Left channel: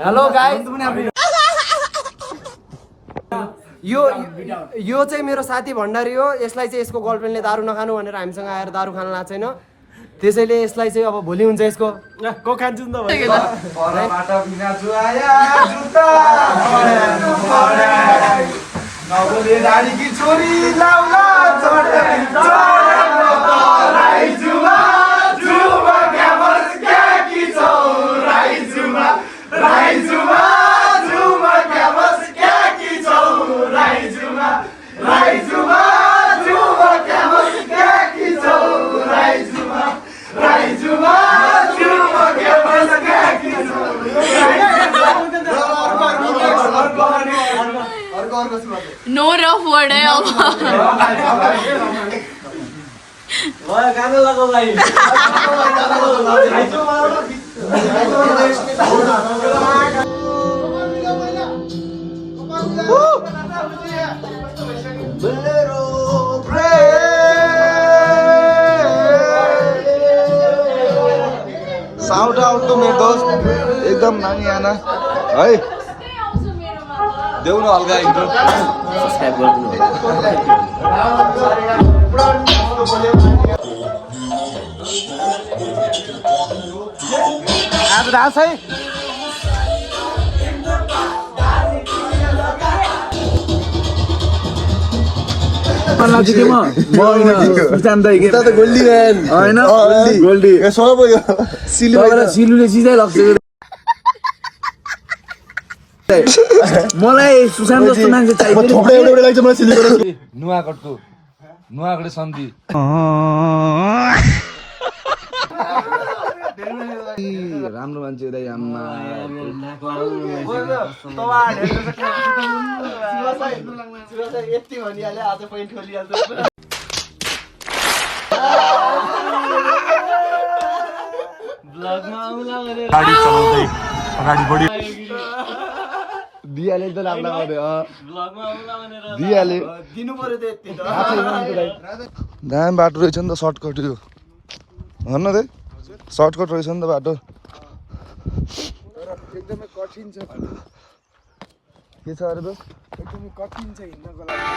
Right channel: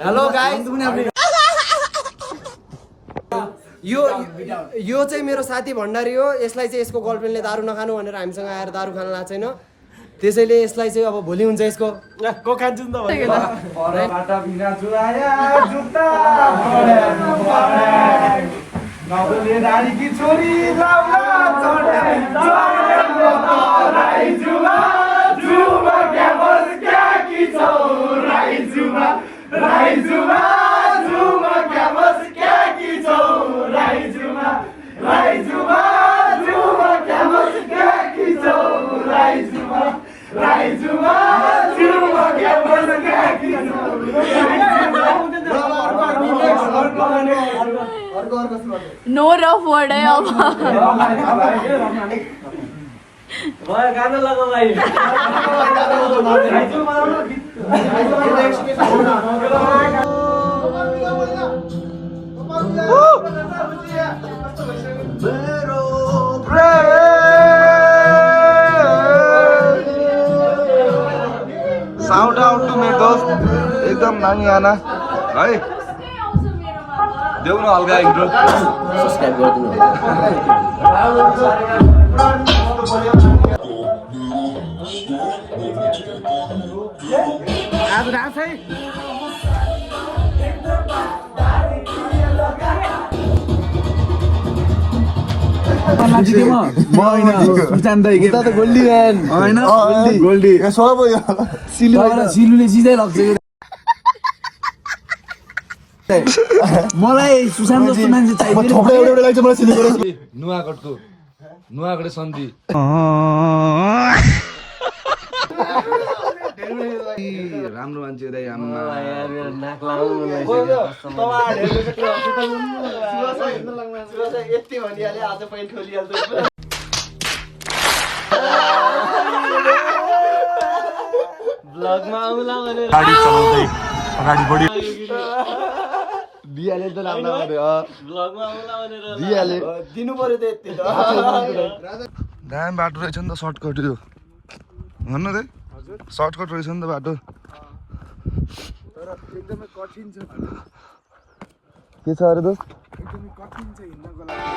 Hello guys यो चाहिँ मेरो साथी भण्डारी हो। यसलाई चाहिँ यसको गर्लफ्रेन्डले दारू नखानु भनेर हामीसँग आएर दारू खान लाएको छैन। त्यसैले यसलाई चाहिँ अब भोलि हुन्छ यसको को खान्छु नि त परबाट बिना जुआया जुत्ता नबोले रानीकी छोरी लाउला राई जुमा जुमा क्यामस क्याकी छौ राई जुमा जुमा क्यामस क्याकी छौ राई जुमा जुमा क्यामस क्याकी छौ राई जुमा जुमा क्यामस क्याकी छौ नो रफ वर्ड है अब गाना लगाऊ भाइ साउट आउट टु मेरो दोस्त एकदम नानी आना है देऊ न हल्का इन्ट्रो सब्स्क्राइब गरिदिनु आज रास है सिलुले सिधै लाग्छ मलाई सुशान्त जस्तो मान्छे चाहियो नुवाकोट सन्धि राम्रो मान्छे दाइ आम्मा यति भनिहाले आज पैन खोलिहाल्छ ब्लगमा आउला भनेर गाडी चलाउँदै अगाडि बढी दियाले त लाग्ला गरे ब्लगमा आउला भनेर दियाले दिनु पर्यो त यति दामी बाटो रहेछ नि त सर्टकट यो भन्न त सर्टकट रहेछ नि त बाटो एकदमै कठिन छ के छ अरे दोस्त एकदमै कठिन छ हिँड्नको लागि